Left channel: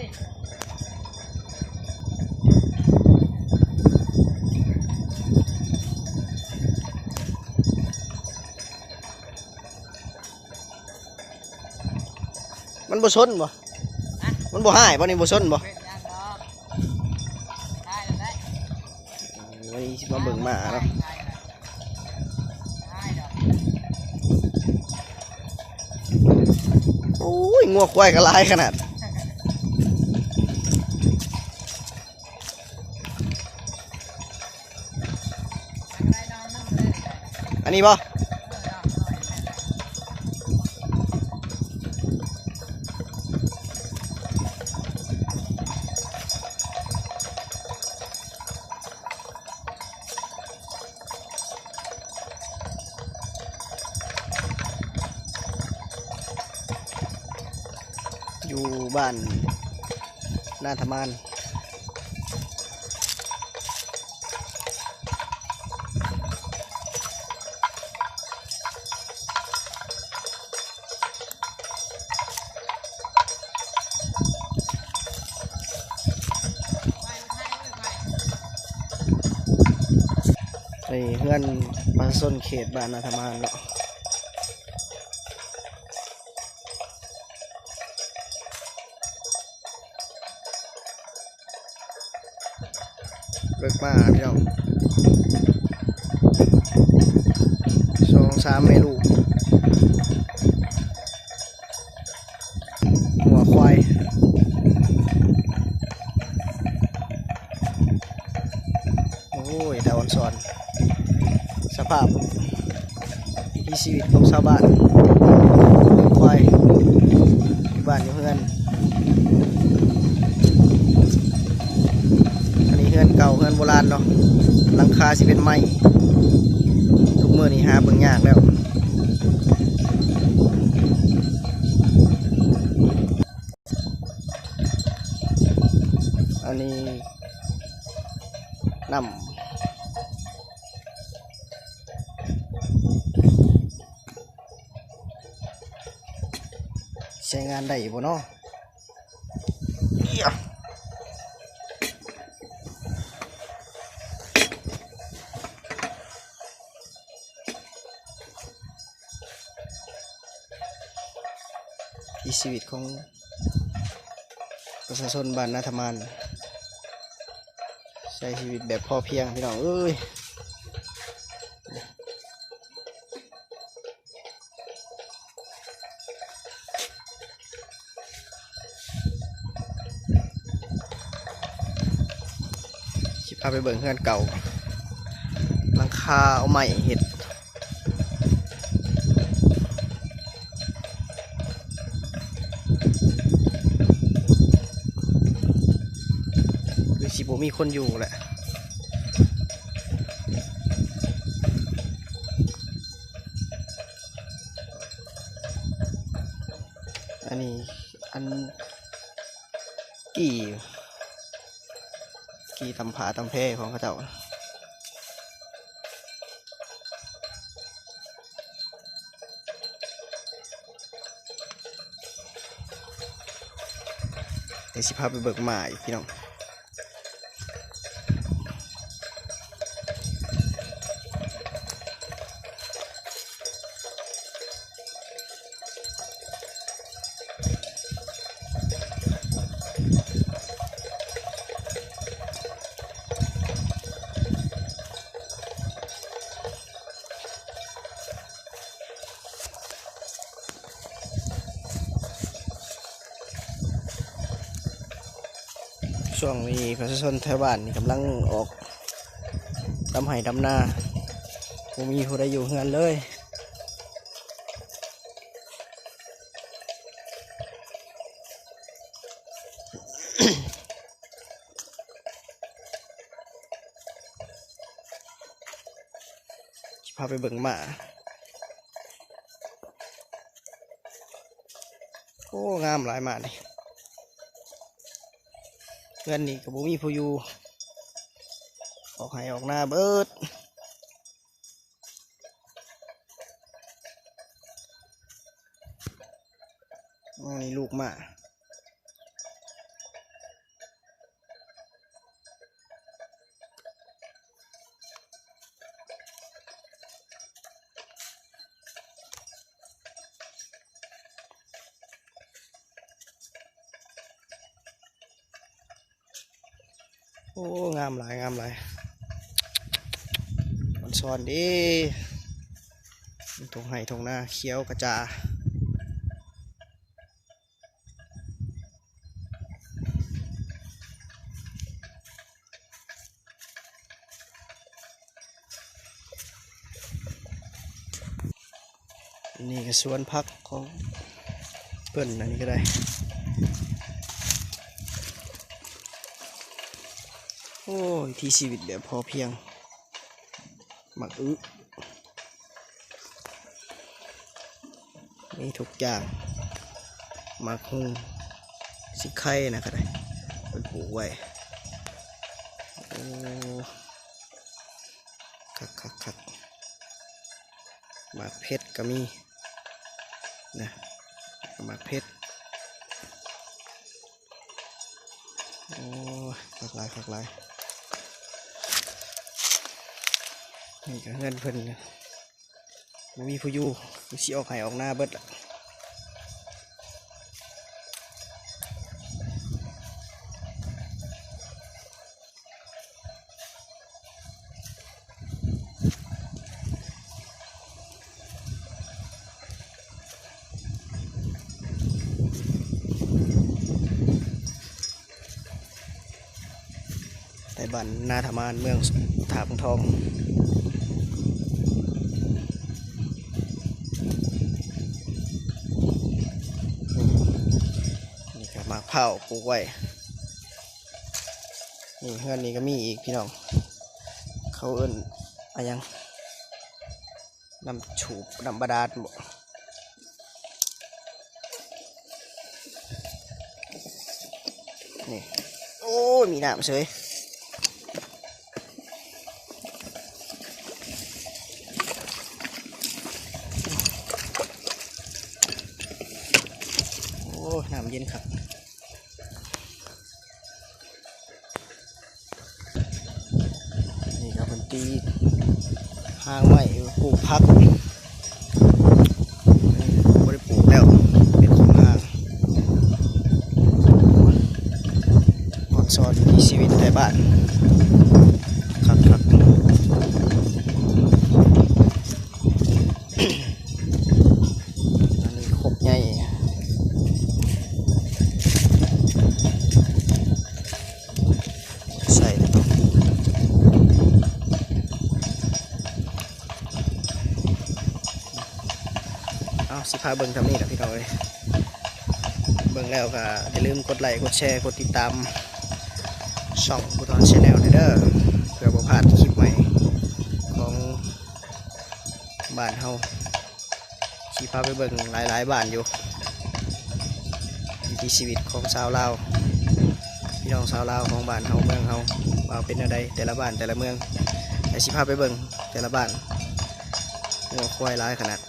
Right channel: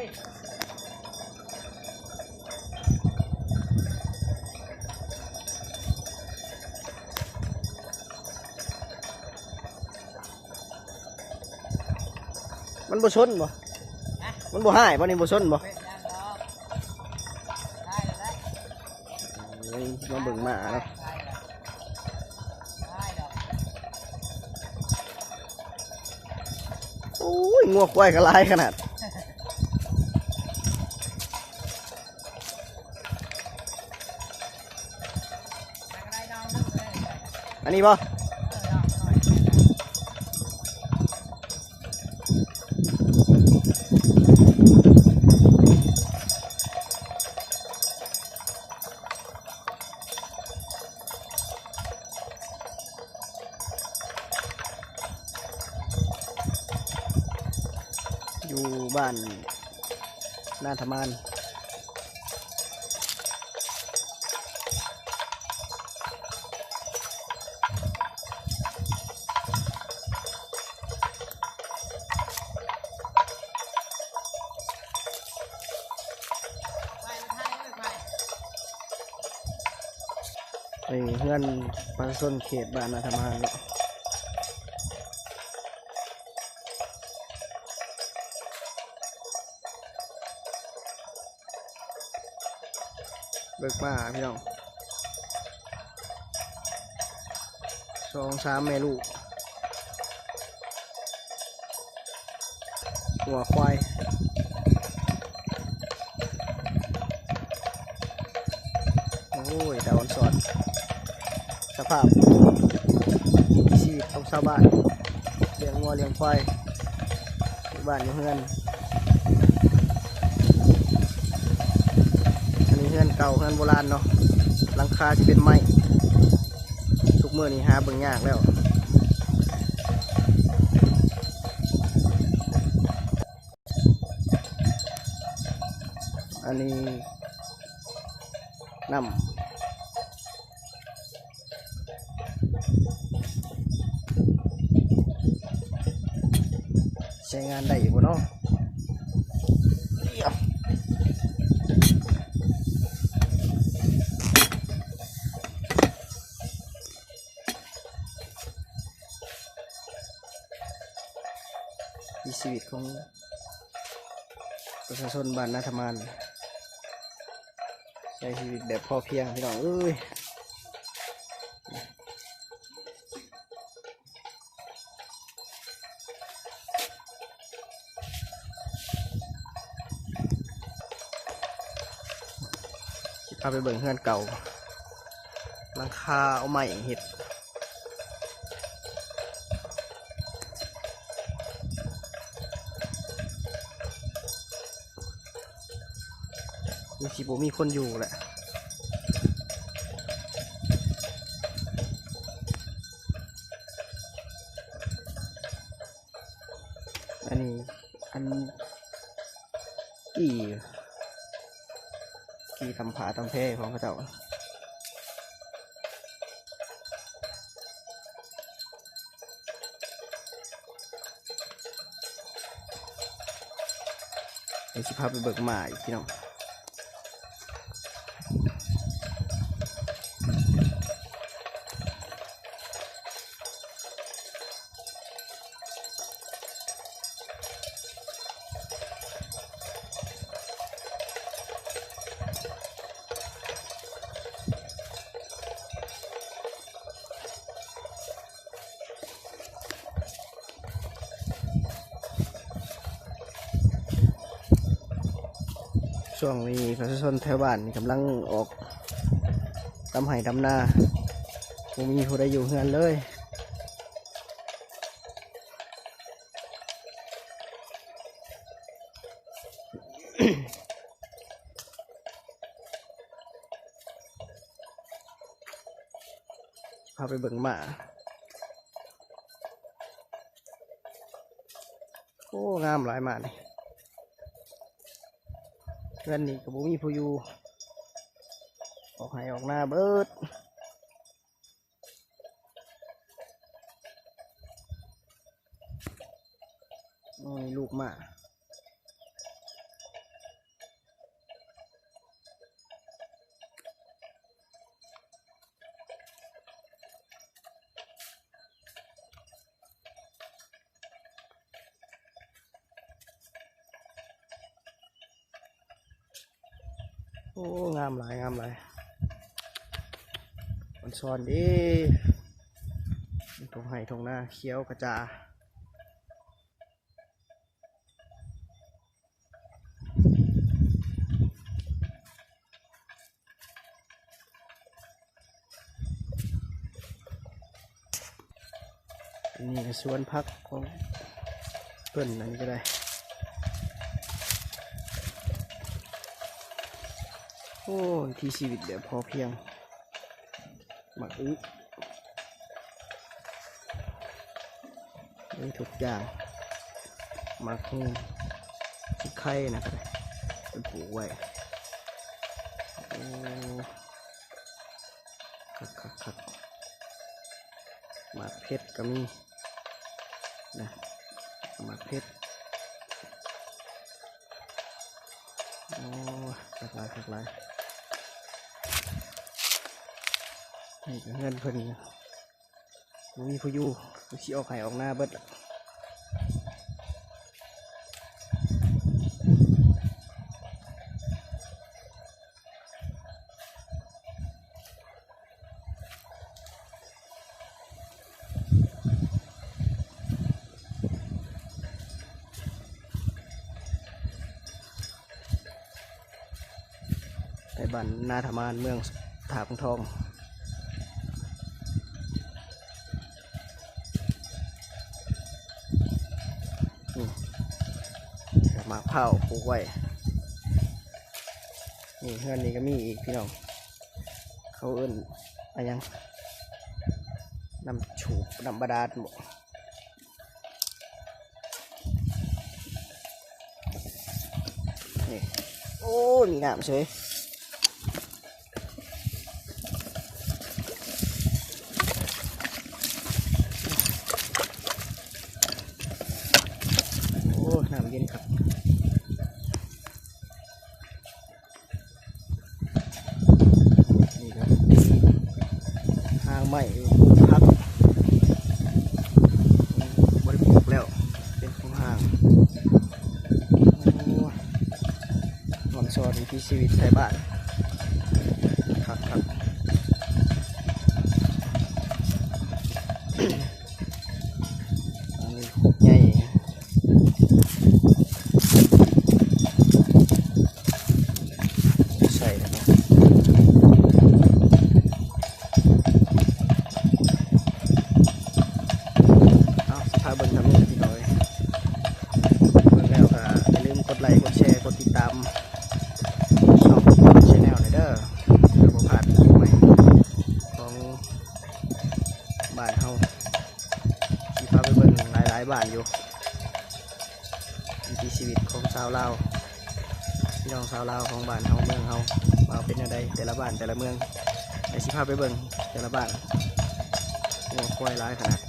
มันบ่ชนบ่มันบ่หายบ่นี่บ่ชนบ่นี่มาเบิ่งหมาเนาะโอ้ยงัวควายก็หลายขนาดอันนี้บ่อยู่บ้านนาธมานนี่เพื่อนมาส้นเขตบ้านนาธมานเนาะเลิกมาพี่น้อง2-3 แม่ลูกหัวควายโอ้ยดาวอันสอนสภาพชีวิตของชาวบ้านควายบ้านอยู่เพื่อนเก่าเฮือนโบราณเนาะหลังคาสิเป็นไม้ทุกมื้อนี้หาเบิ่งยากแล้วอันนี้น้ำใช้งานได้บ่เนาะชีวิตของประชาชนบ้านนาธมานใช้ชีวิตแบบพอเพียงพี่น้องเอ้ยสิพาไปเบิ่งเฮือนเก่าหลังคาเอาไม้เฮ็ดสิบ่มีคนอยู่แหละอันนี้อันกี่ทำผาทำแพร่ของเขาเจ้าเดี๋ยวสิพาไปเบิกหมาอีกพี่น้องช่วงนี้ประชาชนแถวบ้านนี่กำลังออกทำไห่ทำนาไม่มีผู้ใดอยู่เฮือนเลยพาไปเบิ่งหมาโอ้งามหลายหมาเลยเพื่อนนี่กับบุมีผู้อยู่ออกให้ออกหน้าเบิดนี่ลูกหมา โอ้งามหลายงามหลายมันซ้อนดิทงไห่ทงหน้าเขียวกระจานี่ก็สวนพักของเพิ่นอันนี้ก็ได้โอ้ยที่ชีวิตแบบพอเพียงหมักมีทุกอย่างหมักหุ้งสิไข่นะก็ได้เป็นปลูกไว้โอ้คักหมากเพชรก็มีนะหมากเพชรโอ้คักหลายนี่ก็เงินเพิ่นมีผู้อยู่สิออกให้ออกหน้าเบิดละแต่บ้านนาธมานเมืองถาพงทองหมากเผาปลูกไว้นี่เฮือนนี้ก็มีอีกพี่น้องเขาเอิ้นอะไรยังน้ำฉูบน้ำบาดาลบ่นี่โอ้ยมีน้ำเฉยโอ้น้ำเย็นครับนี่ครับตีหางไม้ปลูกพักบริปลูกแล้วเป็นของหางอ่อนซอนมีชีวิตในบ้านครับอันนี้ครบใหญ่ใส่เอาสิพาเบิ่งทำนี่นะพี่น้อยเบิ่งแล้วก็อย่าลืมกดไลค์กดแชร์กดติดตามช่องนอนชาแนลเด้อเพื่อบ่พลาดคลิปใหม่ของบ้านเฮาสิพาไปเบิ่งหลายบ้านอยู่วิถีชีวิตของชาวลาวพี่น้องชาวลาวของบ้านเฮาเมืองเฮาว่าเป็นอะไรแต่ละบ้านแต่ละเมืองไอ้สิพาไปเบิ่งแต่ละบ้านงัวควายหลายขนาด